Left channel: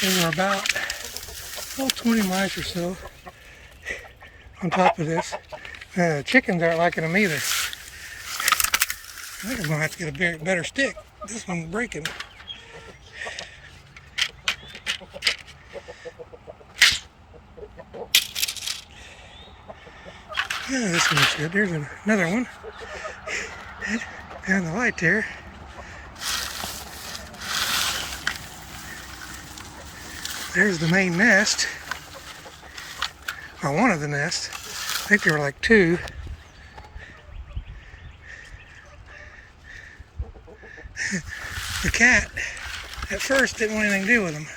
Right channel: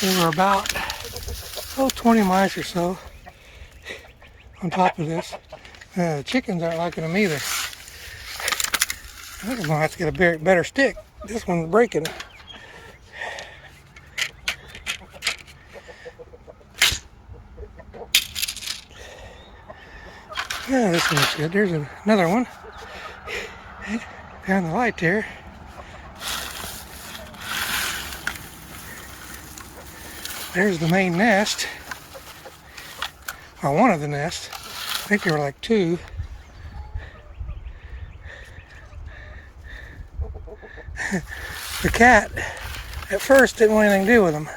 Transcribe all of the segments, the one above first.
There were about 20 mice or so on top of this. Chickens aren't liking them either. I think I'm gonna have to get a better stick. This one's breaking. Yeah, this one's good. There's another one behind the light there. There's the main nest, or one of the nests. I think there were like two. The cat at first didn't want anything to do with them.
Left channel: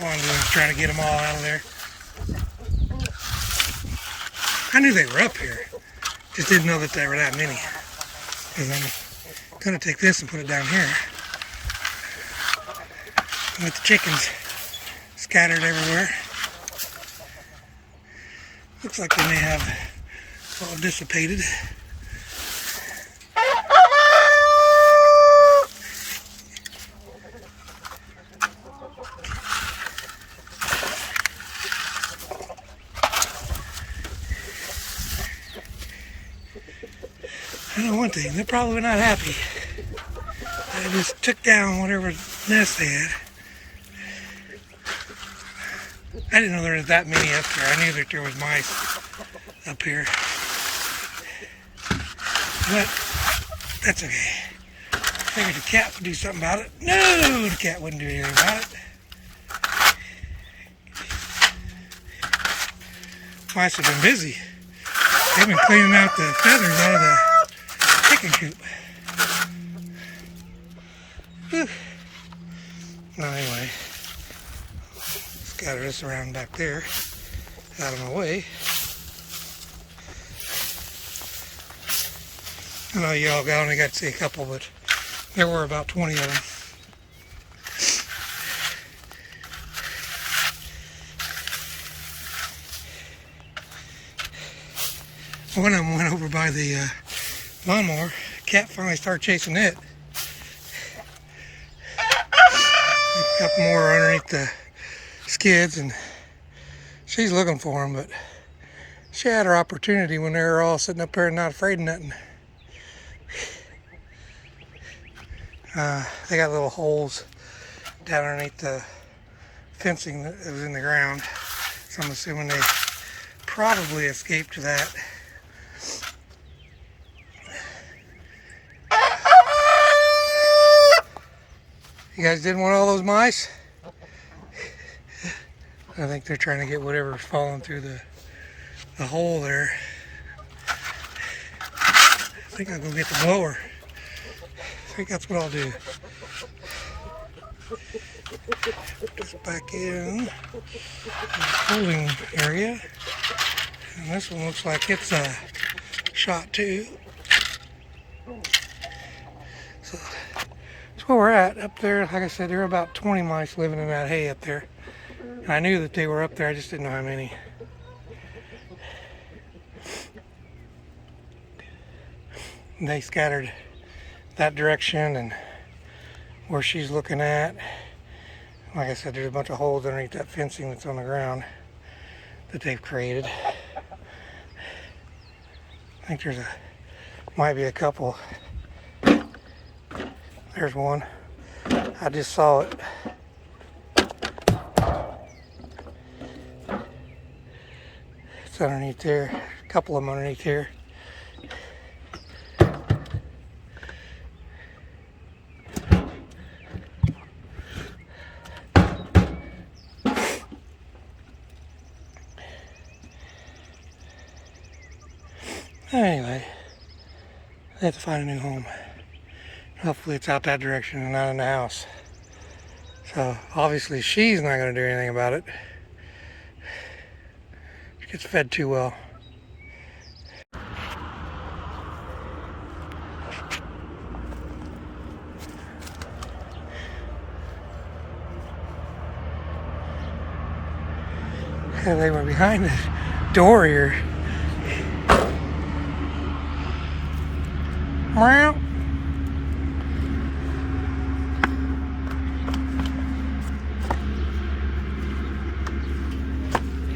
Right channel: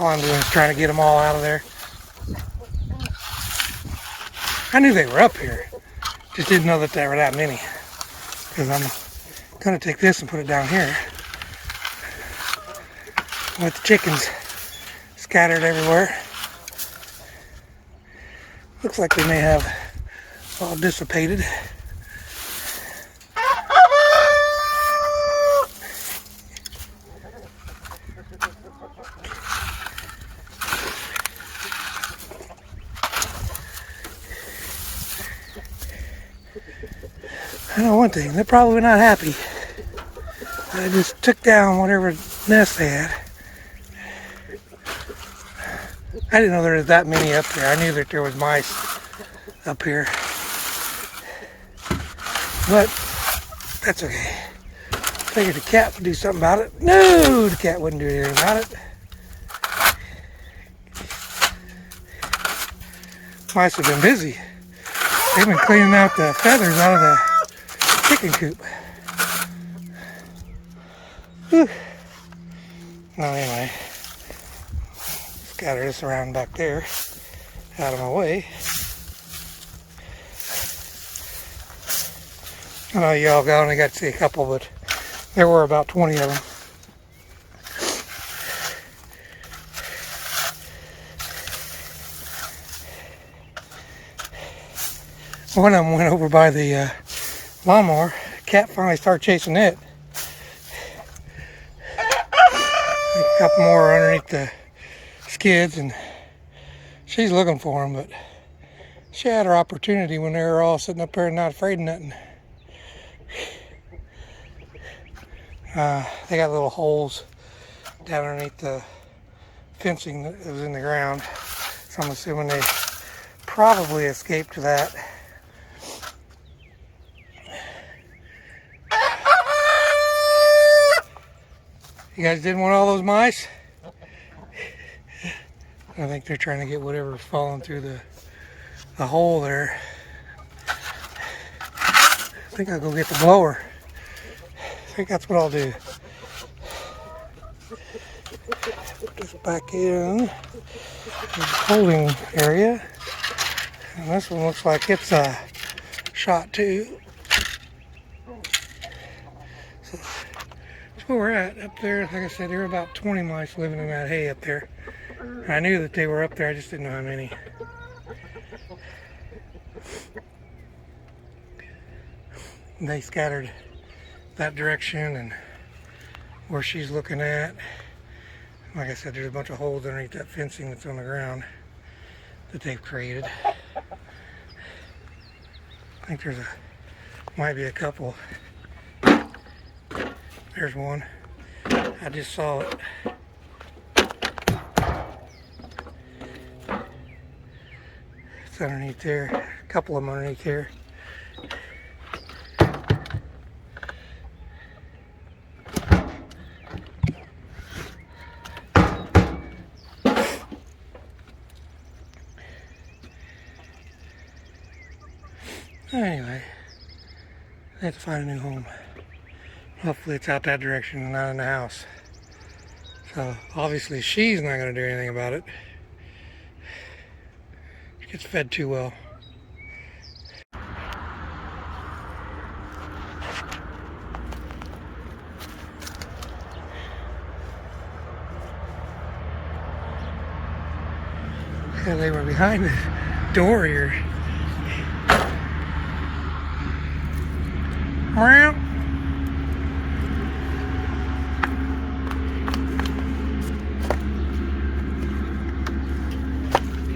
All I'm doing is trying to get them all out of there. I knew they were up here, just didn't know that there were that many. Because I'm gonna take this and put it down here. With the chickens scattered everywhere. Looks like they may have all dissipated. I know one thing, they're probably not happy. I just took down whatever nest they had. I didn't know there was that many up there. I knew that there was mice up here. But that's okay. Figured the cat would do something about it. No, the cat wouldn't do anything about it. Mice have been busy. They've been cleaning out the feathers out of the chicken coop. Whew. Well, anyway, scatter this around back there, out of my way. I know y'all only got to see a couple, but there were about 20 of them. One of them went over by the lawnmower. Cat finally started chasing it. A couple more underneath the skids, and she's looking for them, but she had her opportunity when they were all sitting up there and not afraid of nothing. They got little holes down underneath the fencing that was in the ground, so I'm assuming they probably escaped that. You guys didn't want all those mice? I think they're trying to get whatever's falling through the hole there. I think I'll go get the blower. I think that's what I'll do. Put this back in the holding area. And this one looks like it's shot too. So that's where we're at. Up there, like I said, there are about 20 mice living in that hay up there. And I knew that they were up there, I just didn't know how many. And they scattered that direction and where she's looking at. Like I said, there's a bunch of holes underneath that fencing that's on the ground that they've created. I think might be a couple. There's one. I just saw it. It's underneath there. A couple of them underneath here. Anyway, I have to find a new home. Hopefully it's out that direction and not in the house. So obviously she's not going to do anything about it. She gets fed too well. And they were behind the door here. Meow.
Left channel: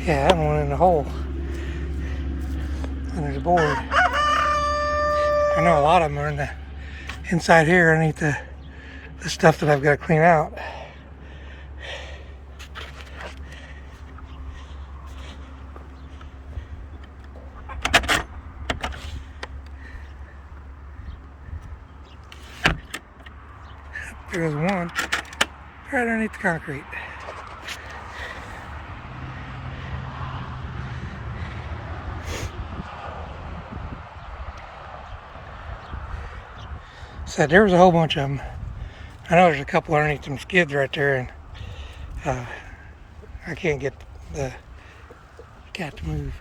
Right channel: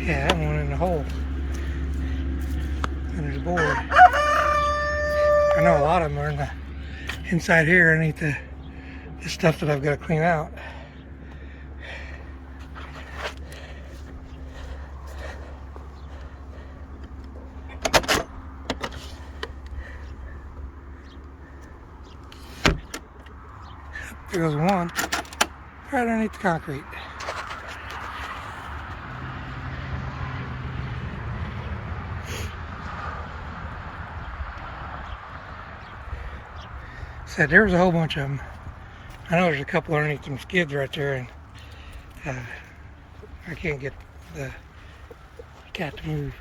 Yeah, that one in the hole under the board. I know a lot of them are in the inside here underneath the stuff that I've got to clean out. There goes one right underneath the concrete. Said there was a whole bunch of them. I know there's a couple underneath them skids right there, and I can't get the cat to move.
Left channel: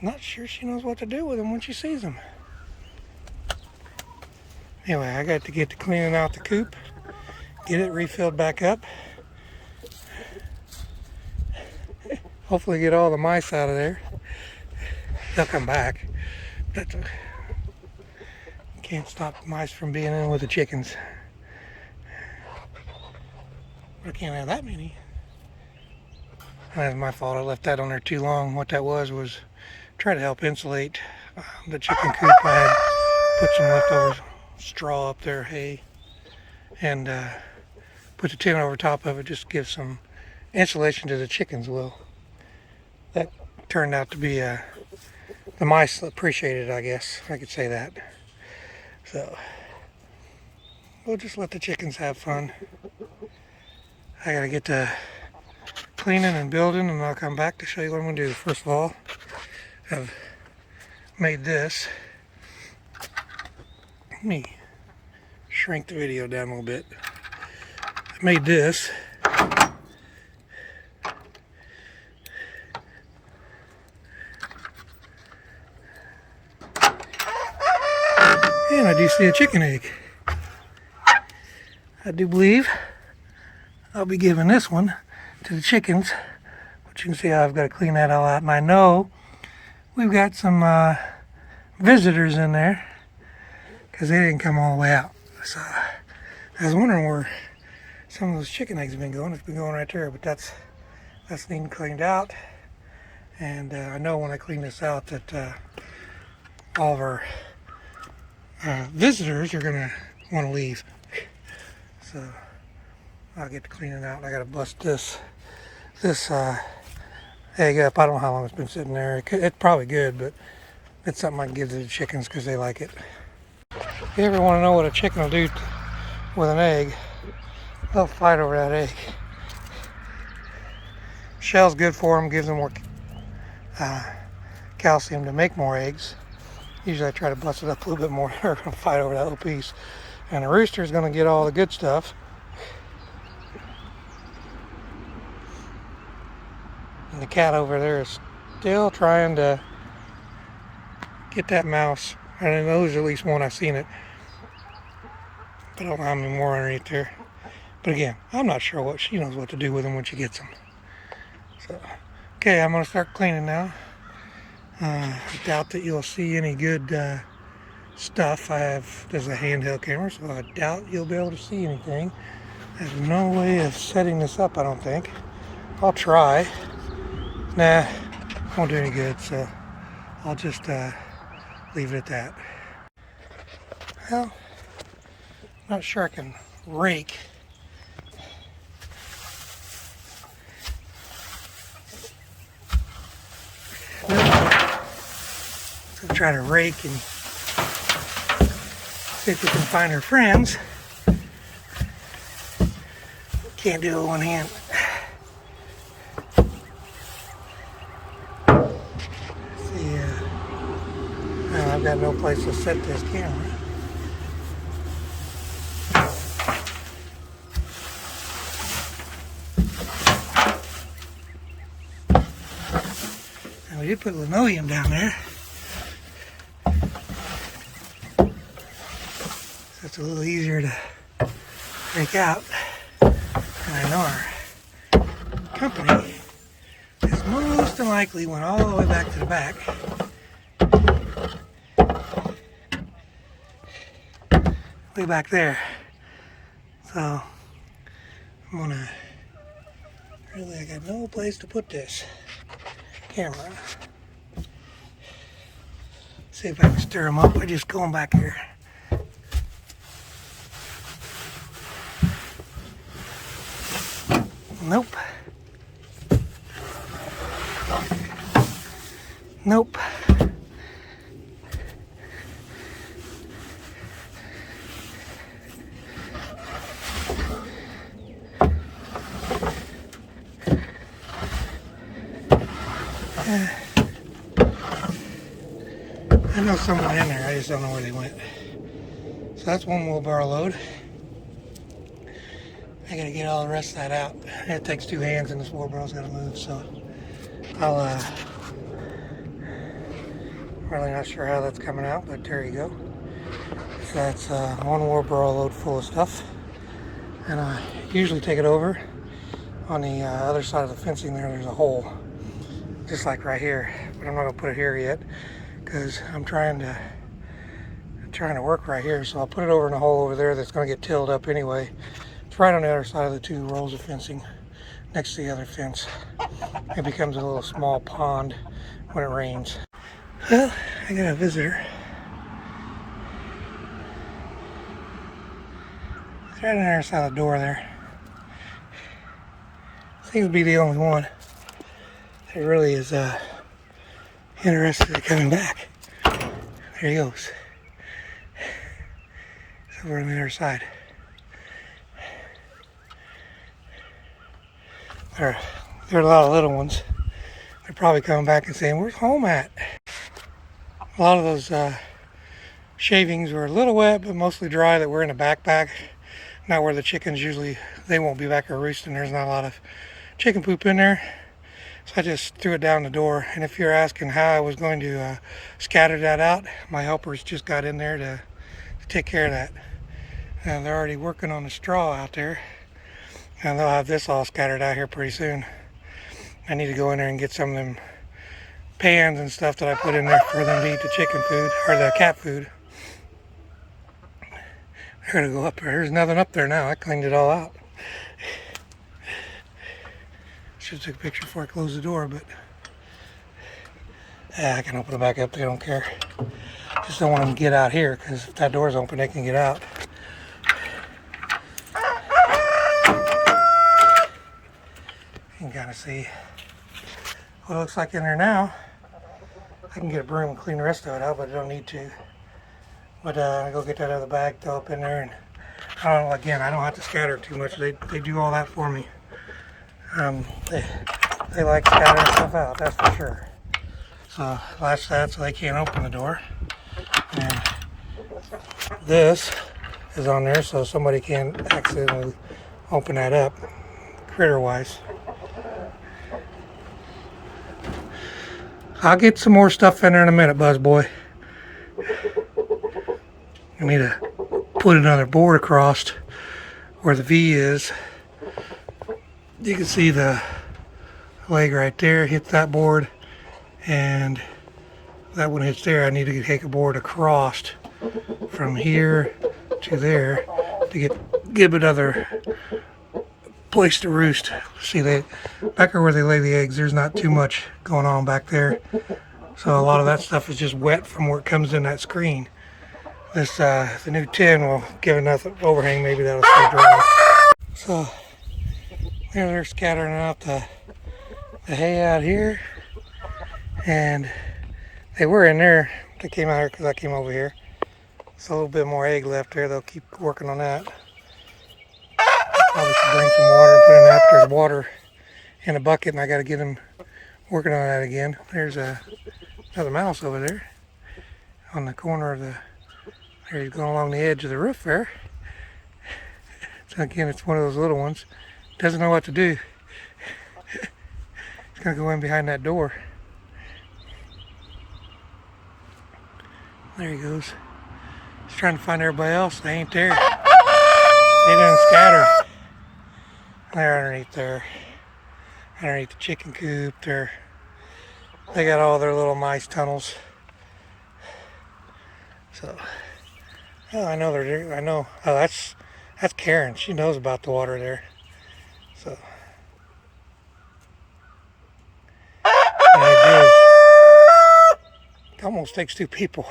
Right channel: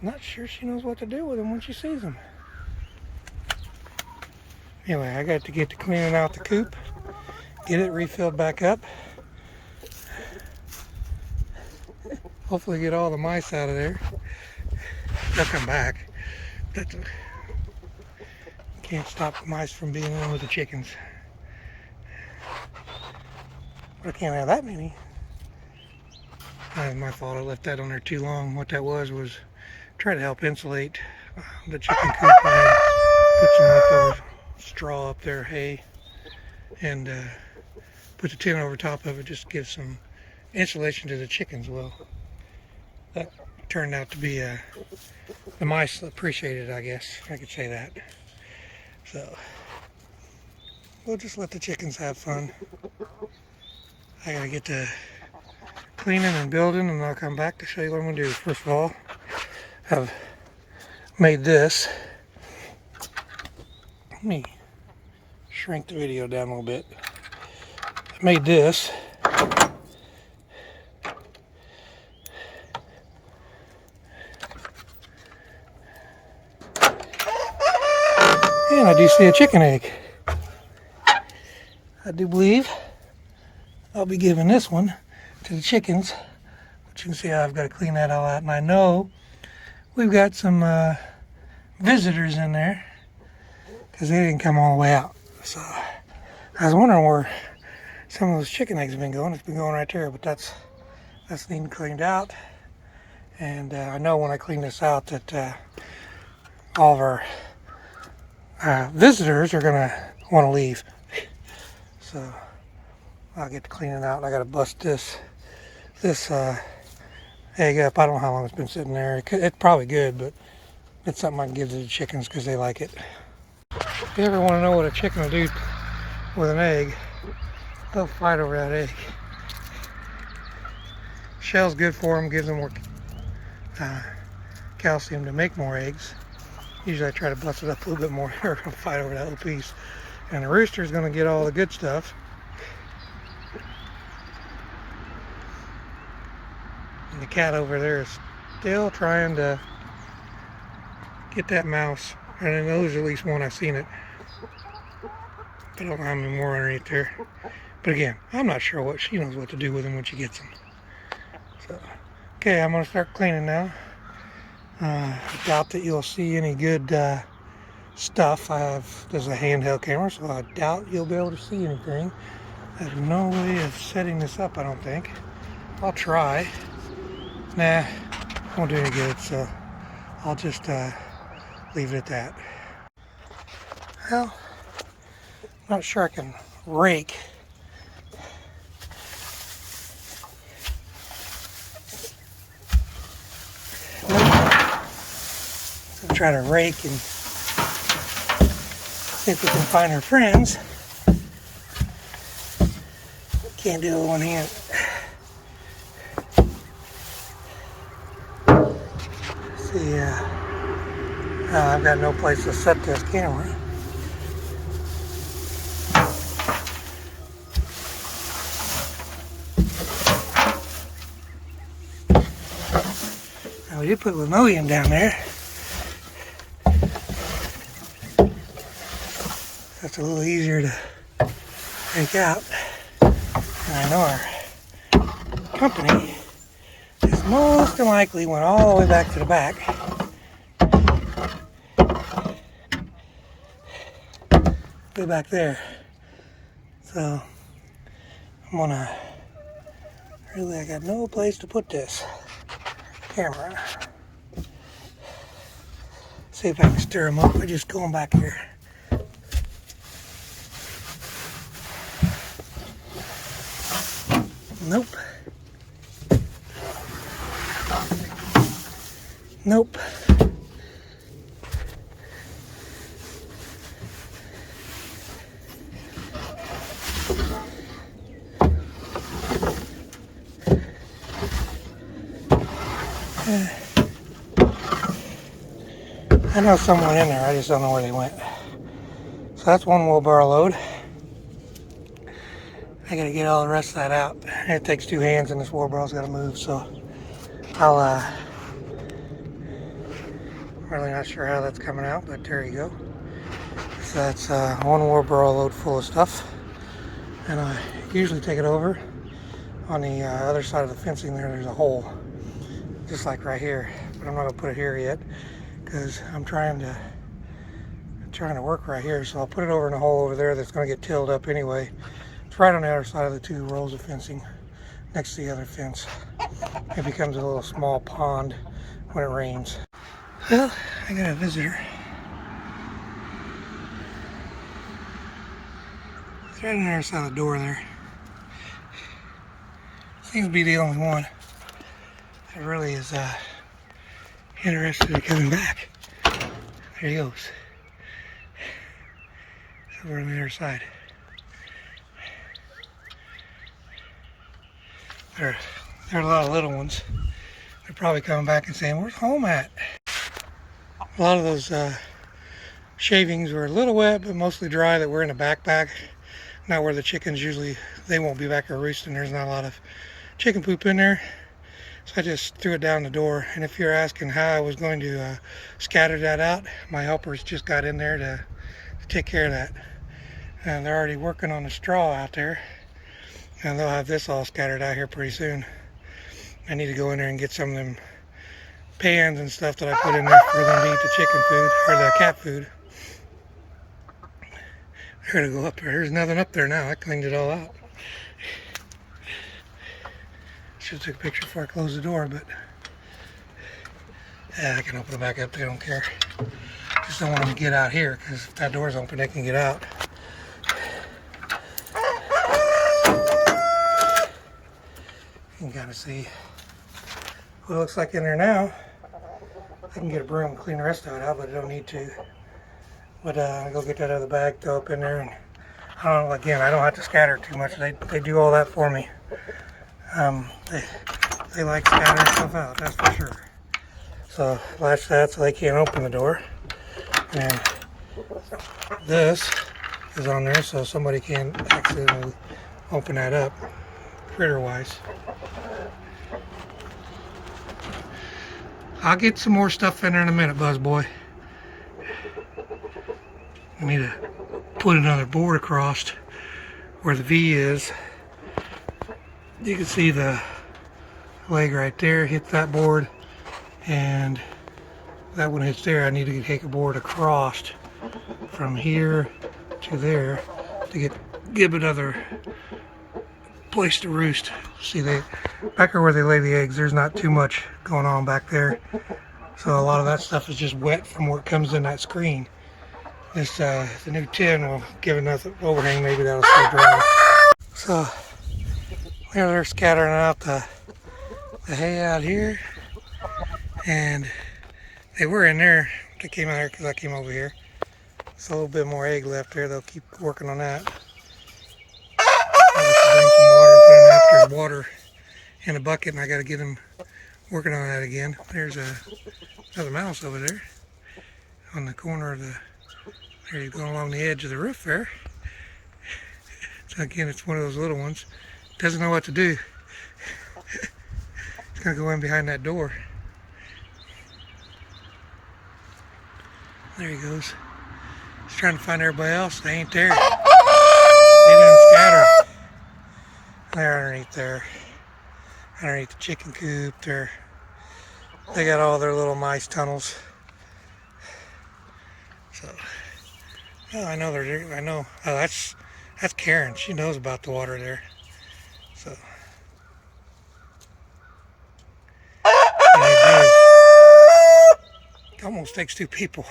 Not sure she knows what to do with them when she sees them. Anyway, I got to get to cleaning out the coop, get it refilled back up. Hopefully get all the mice out of there. They'll come back. That's okay. Can't stop the mice from being in with the chickens. I can't have that many. That's my fault. I left that on there too long. What that was try to help insulate the chicken coop. I had put some leftover straw up there, hay, and put the tin over top of it just to give some insulation to the chickens. Well, that turned out to be the mice appreciated, I guess I could say that. So we'll just let the chickens have fun. I gotta get to cleaning and building, and I'll come back to show you what I'm gonna do. First of all, I've made this. Let me shrink the video down a little bit. I made this. And I do see a chicken egg. I do believe I'll be giving this one to the chickens. But you can see how I've got to clean that all out. And I know we've got some visitors in there because they didn't come all the way out. So I was wondering where some of those chicken eggs have been going. It's been going right there, but that's neat cleaned out. And I know when I clean this out that all of our visitors are gonna want to leave. So I'll get to cleaning out. I gotta bust this egg up. I don't know how long it's been sitting there. It's probably good, but it's something I can give to the chickens because they like it. If you ever want to know what a chicken will do with an egg, they'll fight over that egg. Shell's good for them, gives them more calcium to make more eggs. Usually I try to bust it up a little bit more or fight over that little piece. And the rooster is going to get all the good stuff. And the cat over there is still trying to get that mouse. And I know there's at least one, I've seen it. But I don't know how many more underneath there. But again, I'm not sure what she knows what to do with them when she gets them. So, okay, I'm going to start cleaning now. I doubt that you'll see any good stuff. There's a handheld camera, so I doubt you'll be able to see anything. I have no way of setting this up, I don't think. I'll try. Nah, won't do any good, so I'll just leave it at that. Well, I'm not sure I can rake. Let's try to rake and see if we can find her friends. Can't do it with one hand. See, I've got no place to set this camera. Now we did put linoleum down there. That's a little easier to break out. And I know our company is most than likely went all the way back to the back. way back there. So I'm gonna, really, I got no place to put this camera. See if I can stir them up by just going back here. Nope. Nope. I know someone in there, I just don't know where they went. So that's one wheelbarrow load. I gotta get all the rest of that out. It takes two hands and this wheelbarrow's gotta move, so I'll really not sure how that's coming out, but there you go. So that's one wheelbarrow load full of stuff. And I usually take it over. On the other side of the fencing there's a hole, just like right here. But I'm not gonna put it here yet, because I'm trying to work right here. So I'll put it over in a hole over there that's gonna get tilled up anyway. It's right on the other side of the two rows of fencing, next to the other fence. It becomes a little small pond when it rains. Well, I got a visitor. It's right on the other side of the door there. Seems to be the only one that really is interested in coming back. There he goes. It's over on the other side. There are a lot of little ones. They're probably coming back and saying, "Where's home at?" A lot of those shavings were a little wet, but mostly dry, that were in a backpack. Not where the chickens usually, they won't be back there roosting. There's not a lot of chicken poop in there. So I just threw it down the door. And if you're asking how I was going to scatter that out, my helpers just got in there to take care of that. And they're already working on the straw out there. And they'll have this all scattered out here pretty soon. I need to go in there and get some of them pans and stuff that I put in there for them to eat the chicken food, or the cat food. They're gonna go up there. There's nothing up there now. I cleaned it all out. Should have took a picture before I closed the door, but I can open it back up. They don't care. Just don't want them to get out here, because if that door's open, they can get out. You can kind of see what it looks like in there now. I can get a broom and clean the rest of it out, but I don't need to. But I go get that other bag, throw up in there, and I don't know, again, I don't have to scatter it too much. They do all that for me. They like scattering stuff out, that's for sure. So latch that so they can't open the door. And this is on there so somebody can't accidentally open that up, critter-wise. I'll get some more stuff in there in a minute, Buzz Boy. I need to put another board across where the V is. You can see the leg right there, hit that board, and that one hits there. I need to take a board across from here to there to give another place to roost. See, back where they lay the eggs, there's not too much going on back there. So a lot of that stuff is just wet from where it comes in that screen. This the new tin will give enough overhang, maybe that'll stay dry. So they're scattering out the hay out here, and they were in there. They came out here because I came over here. It's a little bit more egg left there. They'll keep working on that. Probably should bring some water and put in that. There's water in a bucket, and I got to get them working on that again. There's another mouse over there on the corner of the. There he's going along the edge of the roof there. So again, it's one of those little ones. Doesn't know what to do. It's gonna go in behind that door. There he goes. He's trying to find everybody else. They ain't there. They done scattered. They're underneath there. Underneath the chicken coop there. They got all their little mice tunnels. So Oh, I know they're. I know. Oh, that's Karen. She knows about the water there. So and it is. It almost takes two people,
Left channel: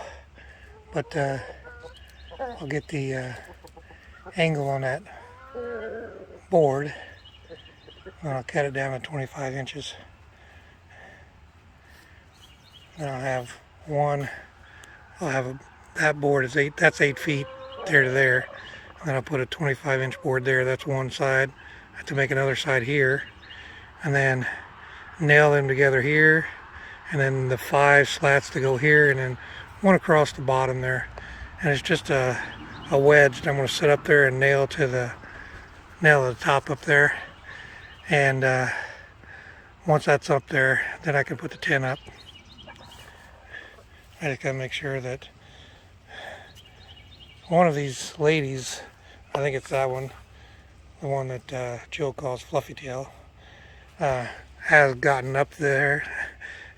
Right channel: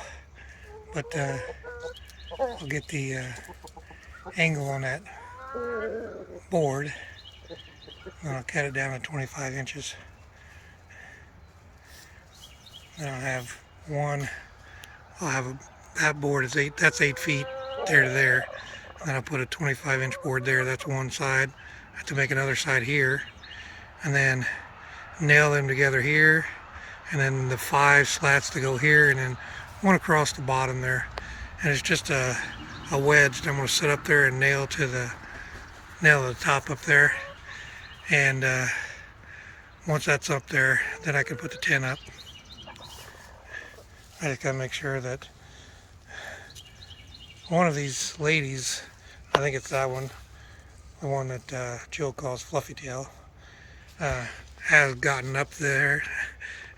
but I'll get the angle on that board. And I'll cut it down to 25 inches. Then I'll have one. I'll have that board is eight. That's 8 feet there to there. And then I'll put a 25-inch board there. That's one side. I have to make another side here, and then nail them together here, and then the 5 slats to go here, and then one across the bottom there. And it's just a wedge that I'm going to set up there and nail to the top up there. And once that's up there, then I can put the tin up. I just gotta make sure that one of these ladies, I think it's that one, the one that Jill calls Fluffy Tail, has gotten up there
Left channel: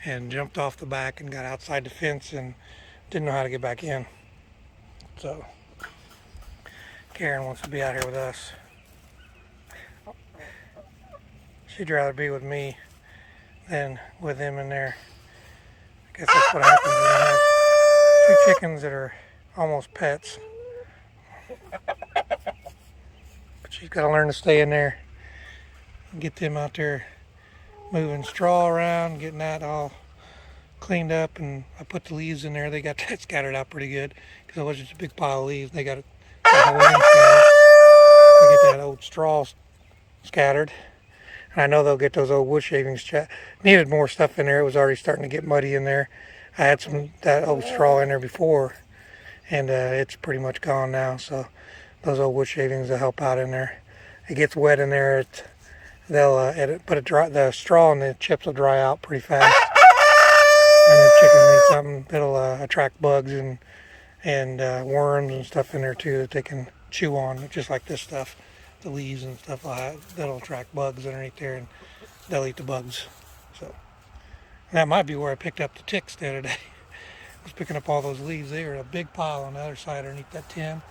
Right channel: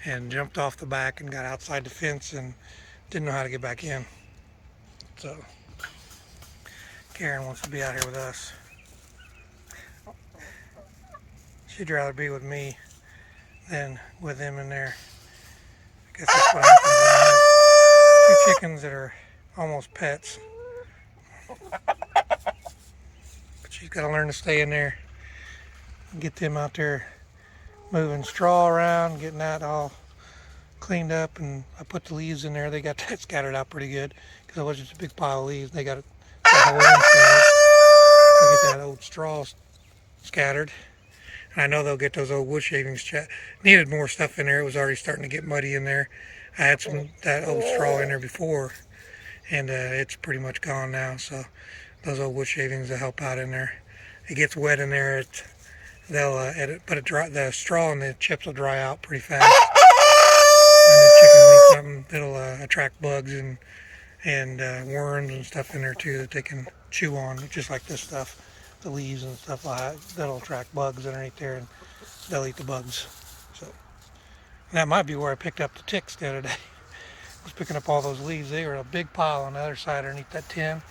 and jumped off the back and got outside the fence and didn't know how to get back in. So Karen wants to be out here with us. She'd rather be with me than with him in there. I guess that's what happens when you have two chickens that are almost pets. But she's got to learn to stay in there and get them out there moving straw around, getting that all cleaned up. And I put the leaves in there. They got that scattered out pretty good because it was just a big pile of leaves. They got that whole end scattered. They get that old straw scattered. And I know they'll get those old wood shavings. Needed more stuff in there. It was already starting to get muddy in there. I had that old straw in there before, and it's pretty much gone now. So those old wood shavings will help out in there. It gets wet in there. The straw and the chips will dry out pretty fast. And the chickens need something that'll attract bugs and worms and stuff in there too that they can chew on, just like this stuff. The leaves and stuff that'll attract bugs underneath there, and they'll eat the bugs. So that might be where I picked up the ticks the other day. I was picking up all those leaves. They were a big pile on the other side underneath that tin,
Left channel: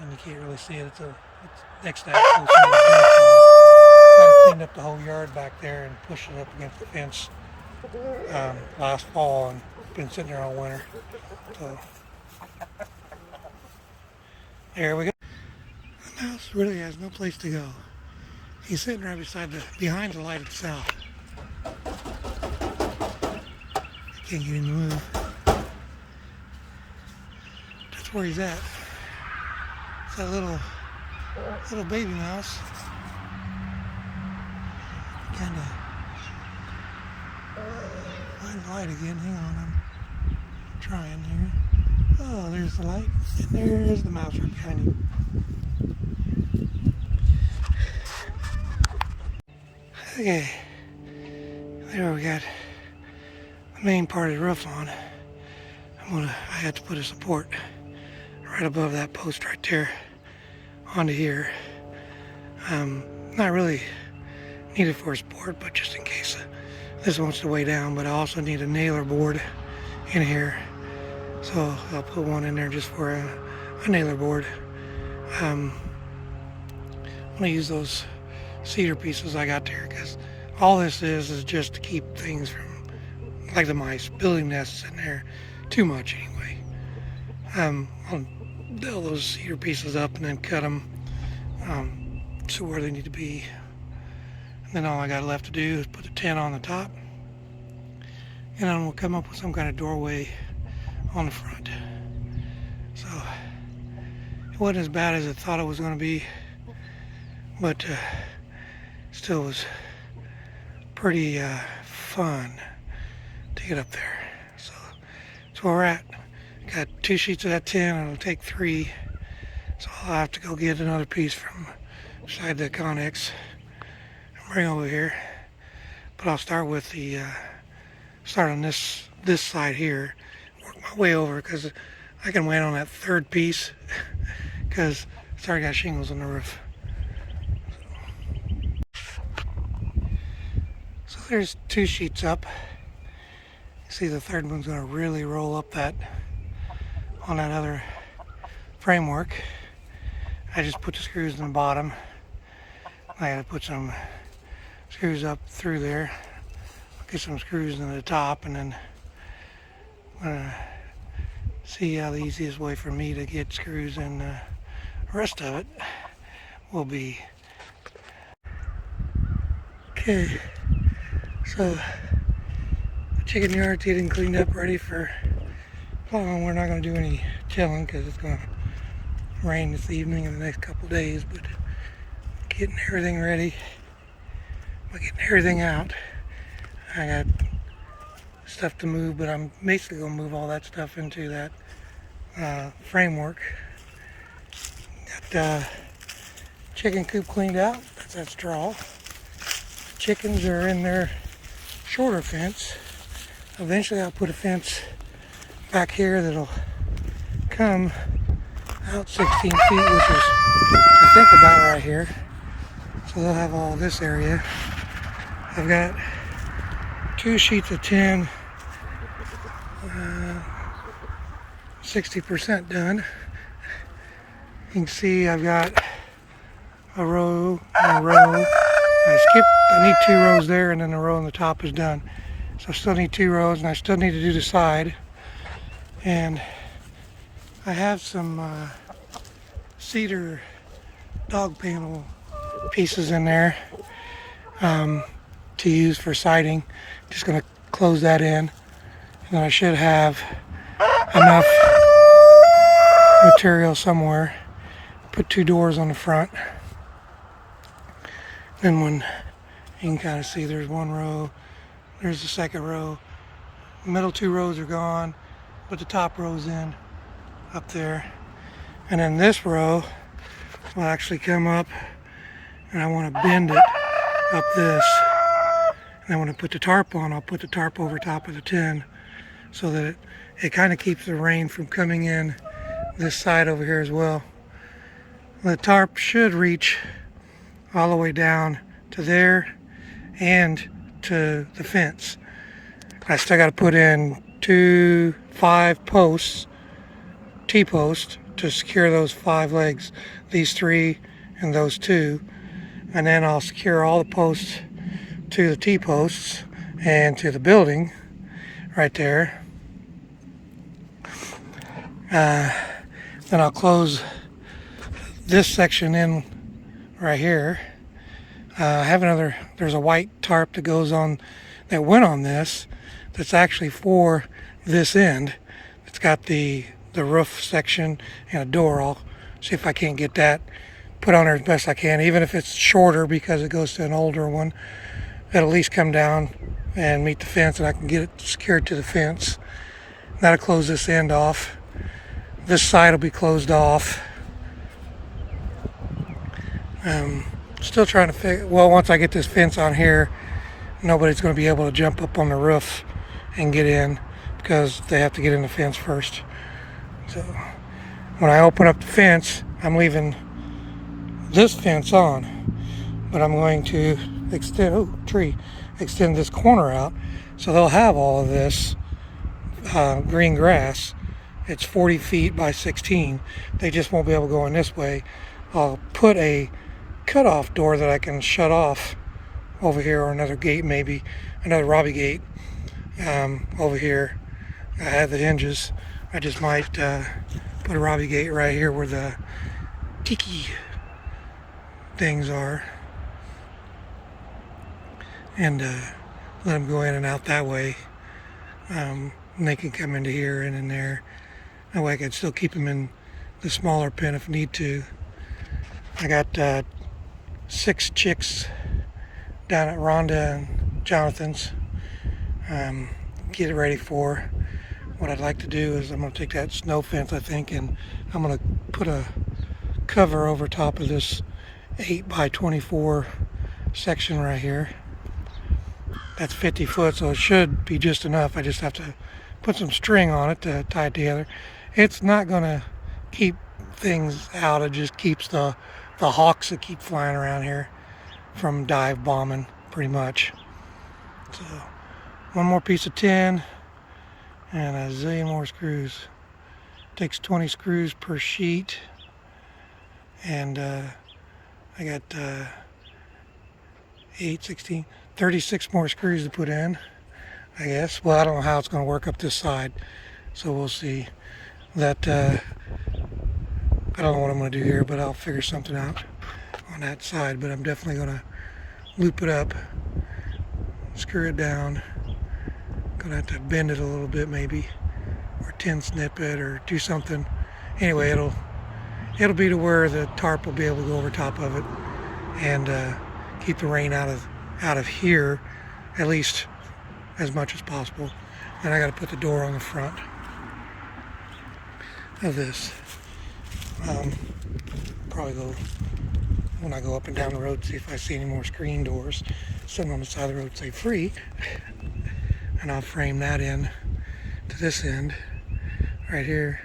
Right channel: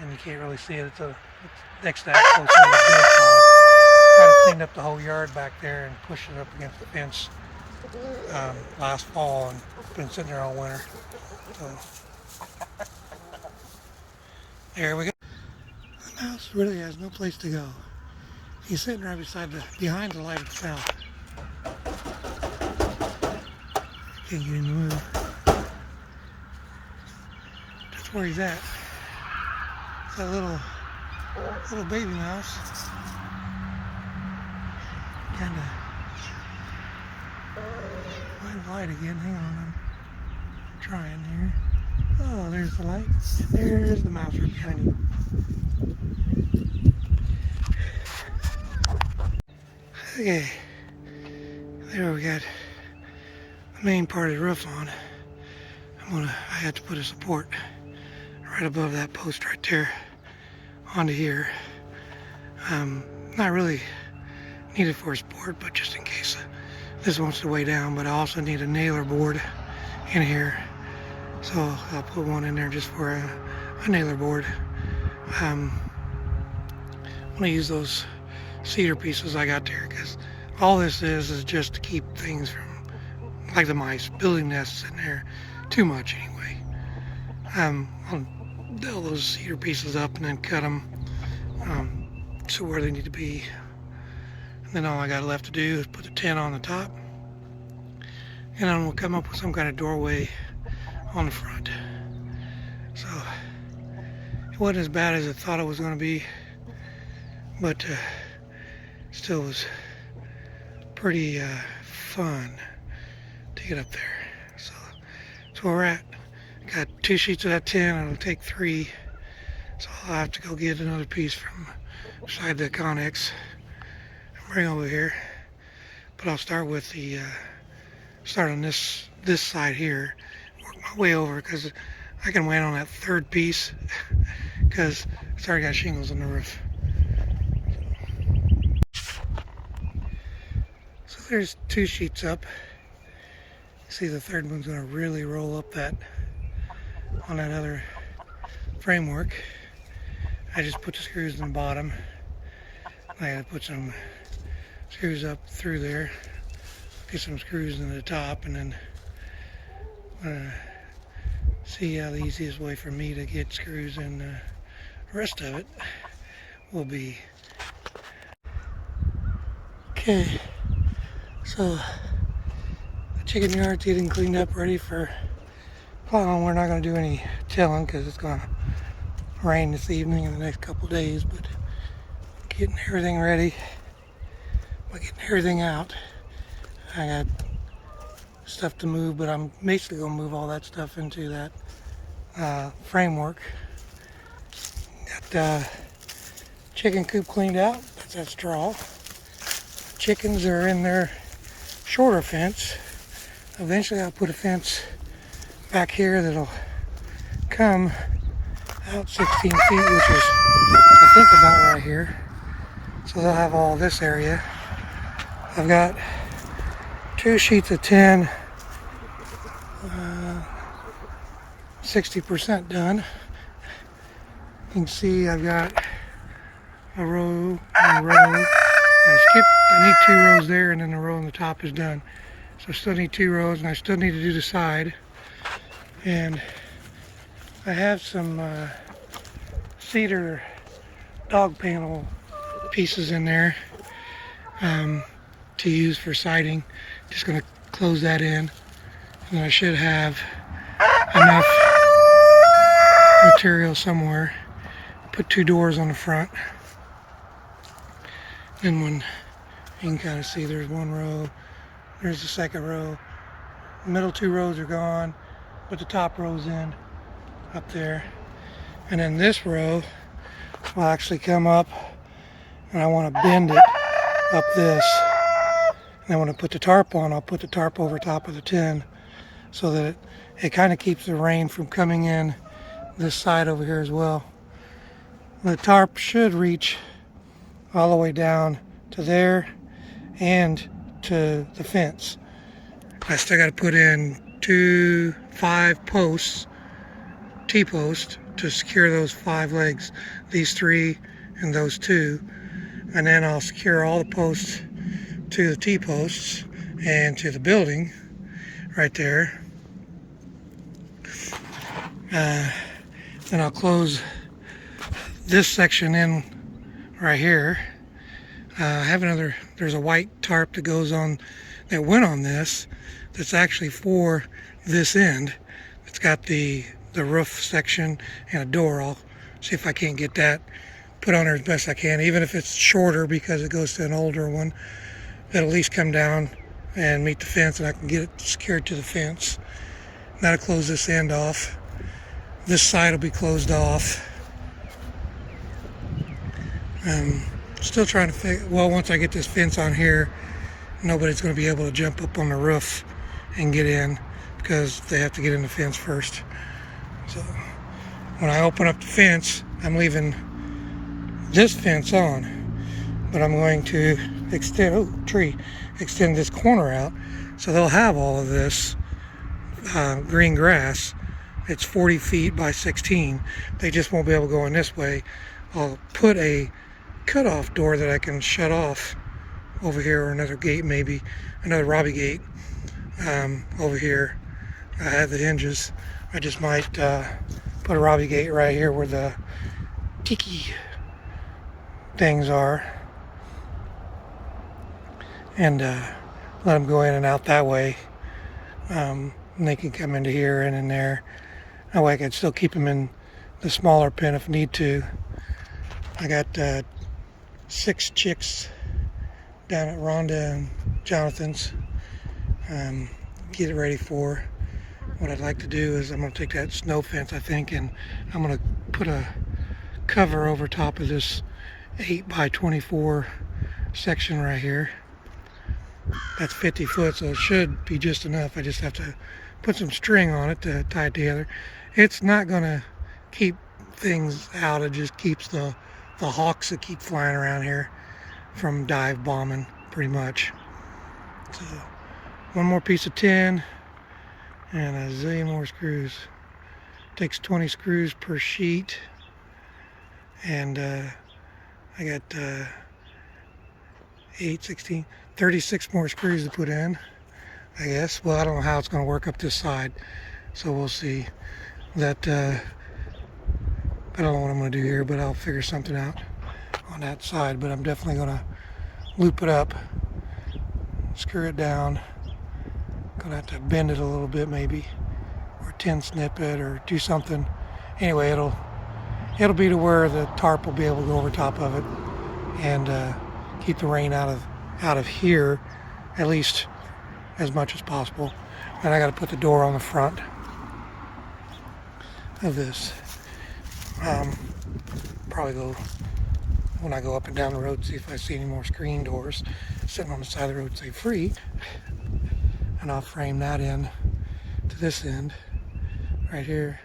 and you can't really see it. It's next to that close to the big pile. Kind of cleaned up the whole yard back there and pushed it up against the fence last fall, and been sitting there all winter. So there we go. The mouse really has no place to go. He's sitting right behind the light itself. Can't get him to move. That's where he's at. It's that little baby mouse. Kinda find the light again. Hang on, I'm trying here. Oh, there's the light. There's the mouse right behind you. Okay, there we got the main part of the roof on. I had to put a support right above that post right there onto here. Not really needed for a support, but just in case this wants to weigh down. But I also need a nailer board in here, so I'll put one in there just for a nailer board. I'm gonna use those cedar pieces I got there, because all this is just to keep things from, like the mice, building nests in there too much anyway. I'll nail those cedar pieces up and then cut them to where they need to be. And then all I got left to do is put the tin on the top, and then we'll come up with some kind of doorway on the front. So it wasn't as bad as I thought it was going to be, but still was pretty fun to get up there. So that's where we're at. Got 2 sheets of that tin. It'll take 3, so I'll have to go get another piece from beside the Connex and bring over here. But I'll start with start on this side here, work my way over, because I can wait on that third piece because it's already got shingles on the roof. So there's 2 sheets up. See, the third one's going to really roll up that on that other framework. I just put the screws in the bottom. I had to put some screws up through there, get some screws in the top, and then see how the easiest way for me to get screws in the rest of it will be. Okay, so the chicken yard's getting cleaned up, ready for plowing. We're not going to do any tilling because it's going to rain this evening and the next couple days, but getting everything ready, by getting everything out. I got stuff to move, but I'm basically going to move all that stuff into that framework. Got chicken coop cleaned out. That's that straw. Chickens are in their shorter fence. Eventually I'll put a fence back here that'll come out 16 feet, which is I think about right here. So they'll have all this area. I've got 2 sheets of tin, 60% done. You can see I've got a row and a row. I need 2 rows there, and then the row on the top is done. So I still need 2 rows, and I still need to do the side. And I have some cedar dog panel pieces in there to use for siding. Just going to close that in, and then I should have enough material somewhere. Put 2 doors on the front. Then when you can kind of see, there's 1 row, there's the second row. The middle 2 rows are gone, but the top row's in up there. And then this row will actually come up, and I want to bend it up this. And then when I put the tarp on, I'll put the tarp over top of the tin so that it kind of keeps the rain from coming in this side over here as well. The tarp should reach all the way down to there and to the fence. I still got to put in 2 5 posts, T-posts, to secure those 5 legs, these 3 and those 2, and then I'll secure all the posts to the T-posts and to the building right there. Then I'll close this section in right here. I have there's a white tarp that goes on, that went on this, that's actually for this end. It's got the roof section and a door. I'll see if I can't get that put on there as best I can, even if it's shorter because it goes to an older one. That'll at least come down and meet the fence, and I can get it secured to the fence. That'll close this end off. This side will be closed off. Still trying to figure, well, once I get this fence on here, nobody's going to be able to jump up on the roof and get in because they have to get in the fence first. So when I open up the fence, I'm leaving this fence on, but I'm going to extend this corner out, so they'll have all of this green grass. It's 40 feet by 16. They just won't be able to go in this way. I'll put a cutoff door that I can shut off over here, or another gate, maybe another Robbie gate over here. I have the hinges. I just might put a Robbie gate right here where the tiki things are, and let them go in and out that way. And they can come into here and in there. That way I can still keep them in the smaller pen if need to. I got 6 chicks down at Rhonda and Jonathan's. Get it ready for. What I'd like to do is I'm going to take that snow fence, I think, and I'm going to put a cover over top of this 8 by 24 section right here. That's 50 foot, so it should be just enough. I just have to put some string on it to tie it together. It's not going to keep things out. It just keeps the hawks that keep flying around here from dive bombing, pretty much. So 1 more piece of tin and a zillion more screws. Takes 20 screws per sheet, and I got 8, 16, 36 more screws to put in, I guess. Well, I don't know how it's going to work up this side, so we'll see. That I don't know what I'm going to do here, but I'll figure something out on that side. But I'm definitely going to loop it up, screw it down. Gonna have to bend it a little bit maybe, or tin snip it, or do something. Anyway, it'll be to where the tarp will be able to go over top of it and keep the rain out of here, at least as much as possible. And I got to put the door on the front of this. Probably go when I go up and down the road, see if I see any more screen doors sitting on the side of the road, say free. And I'll frame that in to this end right here.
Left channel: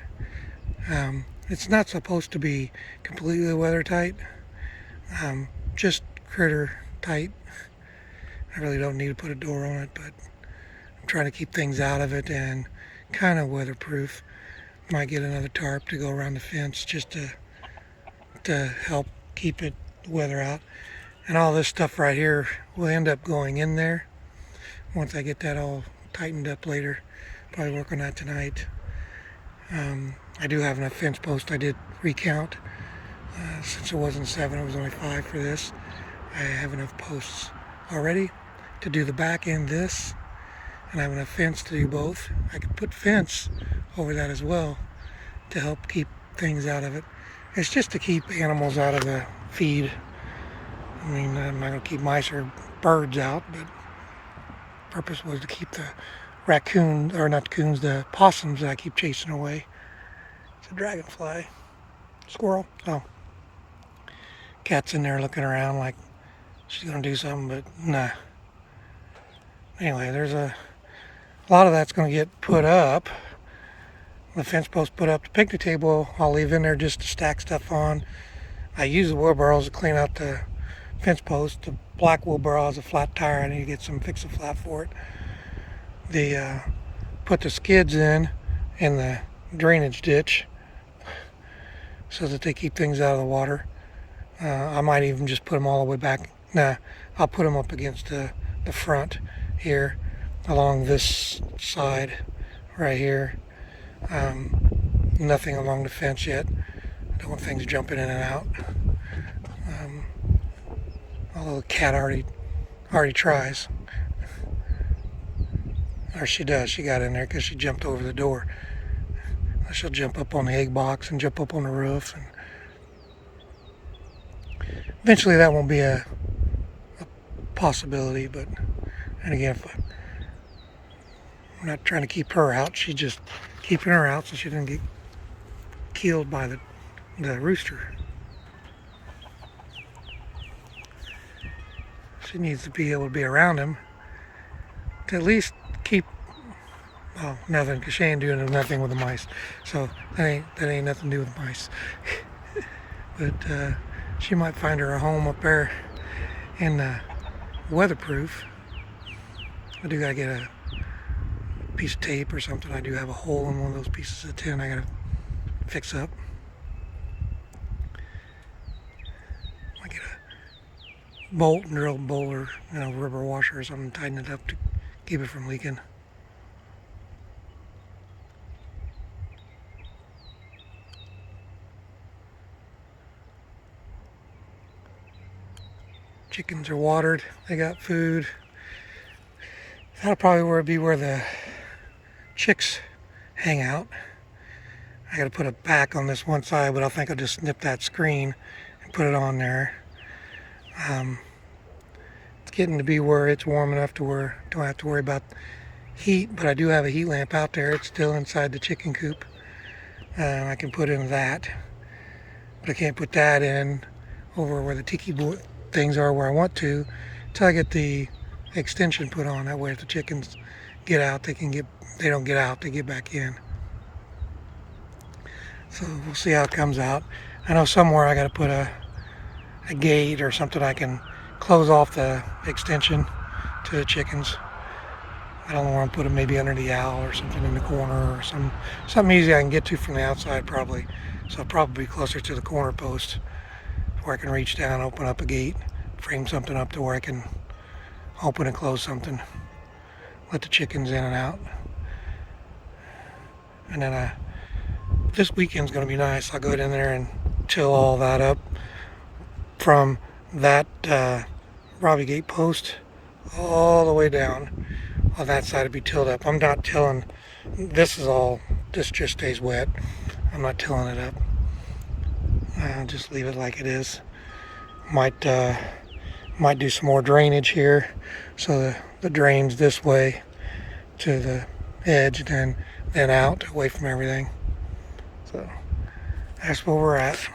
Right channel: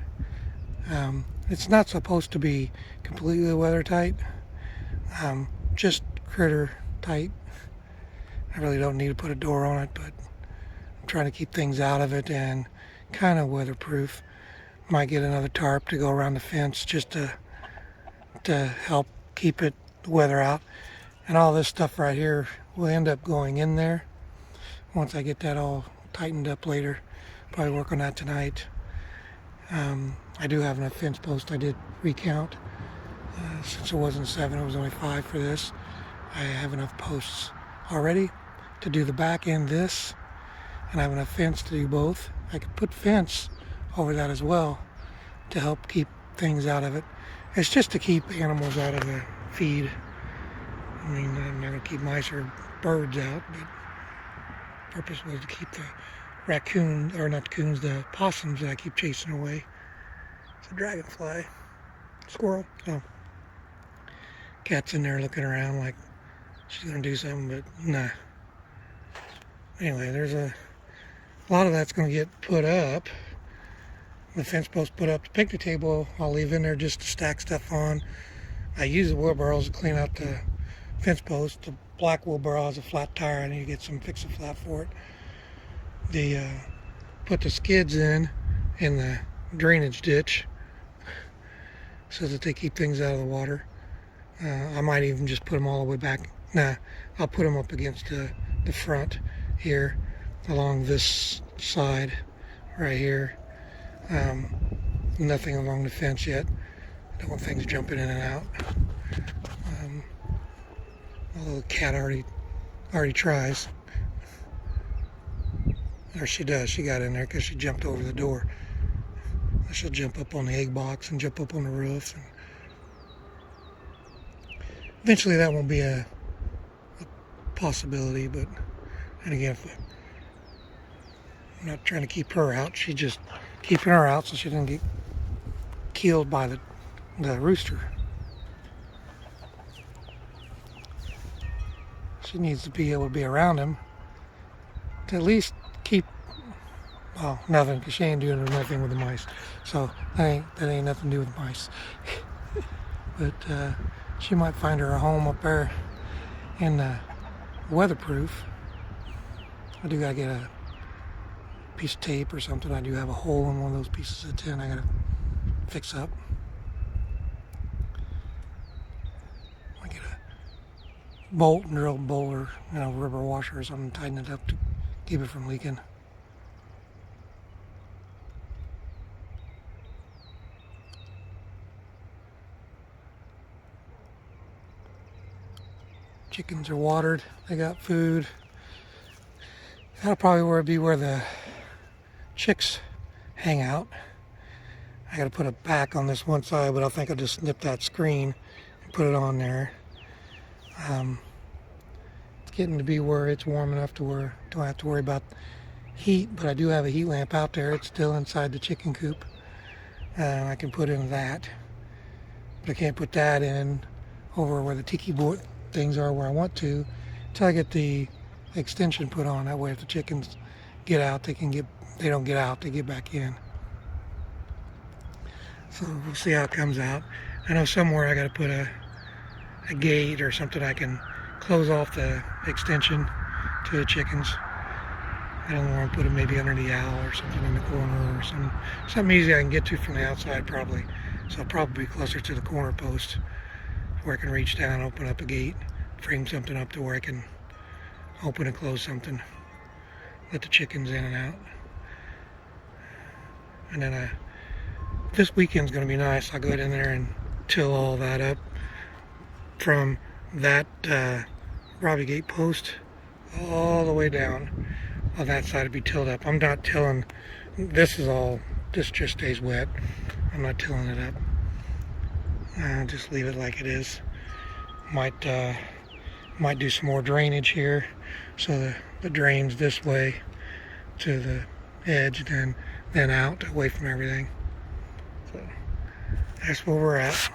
It's not supposed to be completely weather tight, just critter tight. I really don't need to put a door on it, but I'm trying to keep things out of it and kind of weatherproof. Might get another tarp to go around the fence just to help keep the weather out. And all this stuff right here will end up going in there once I get that all tightened up later. Probably work on that tonight. I do have enough fence posts. I did recount. Since it wasn't 7, it was only 5 for this. I have enough posts already to do the back end this, and I have enough fence to do both. I could put fence over that as well to help keep things out of it. It's just to keep animals out of the feed. I mean, I'm not going to keep mice or birds out, but purpose was to keep the raccoons, or not coons, the possums that I keep chasing away. It's a dragonfly. Squirrel. Oh. Cat's in there looking around like she's going to do something, but nah. Anyway, there's a lot of that's going to get put up. The fence post put up. The picnic table I'll leave in there just to stack stuff on. I use the wheelbarrows to clean out the fence post. The black wheelbarrow has a flat tire. I need to get some fix-a-flat for it. Put the skids in the drainage ditch so that they keep things out of the water. I might even just put them all the way back. Nah, I'll put them up against the front here along this side right here. Nothing along the fence yet. Don't want things jumping in and out. Although the cat already tries. Or she does. She got in there because she jumped over the door. She'll jump up on the egg box and jump up on the roof. And eventually that won't be a possibility, but and again, I'm not trying to keep her out. She's just keeping her out so she doesn't get killed by the rooster. She needs to be able to be around him to at least keep, well, nothing, because she ain't doing nothing with the mice. So that ain't nothing to do with mice. But she might find her a home up there in weatherproof. I do gotta get a piece of tape or something. I do have a hole in one of those pieces of tin I gotta fix up. I get a bolt and drill bolt, or rubber washer or something, tighten it up to keep it from leaking. Chickens are watered. They got food. That'll probably be where the chicks hang out. I got to put a back on this one side, but I think I'll just snip that screen and put it on there. It's getting to be where it's warm enough to where I don't have to worry about heat, but I do have a heat lamp out there. It's still inside the chicken coop. I can put in that, but I can't put that in over where the tiki board things are where I want to until I get the extension put on. That way if the chickens get out, they don't get out, they get back in. So we'll see how it comes out. I know somewhere I got to put a gate or something I can close off the extension to the chickens. I don't want to put it maybe under the owl or something in the corner, or something easy I can get to from the outside probably. So probably closer to the corner post where I can reach down, open up a gate, frame something up to where I can open and close something, let the chickens in and out. And then this weekend's going to be nice. I'll go in there and till all that up from that Robbie gate post all the way down. On that side it'll be tilled up. I'm not tilling, this just stays wet. I'm not tilling it up. I'll just leave it like it is. Might do some more drainage here, so the drains this way to the edge, then out away from everything. So that's where we're at.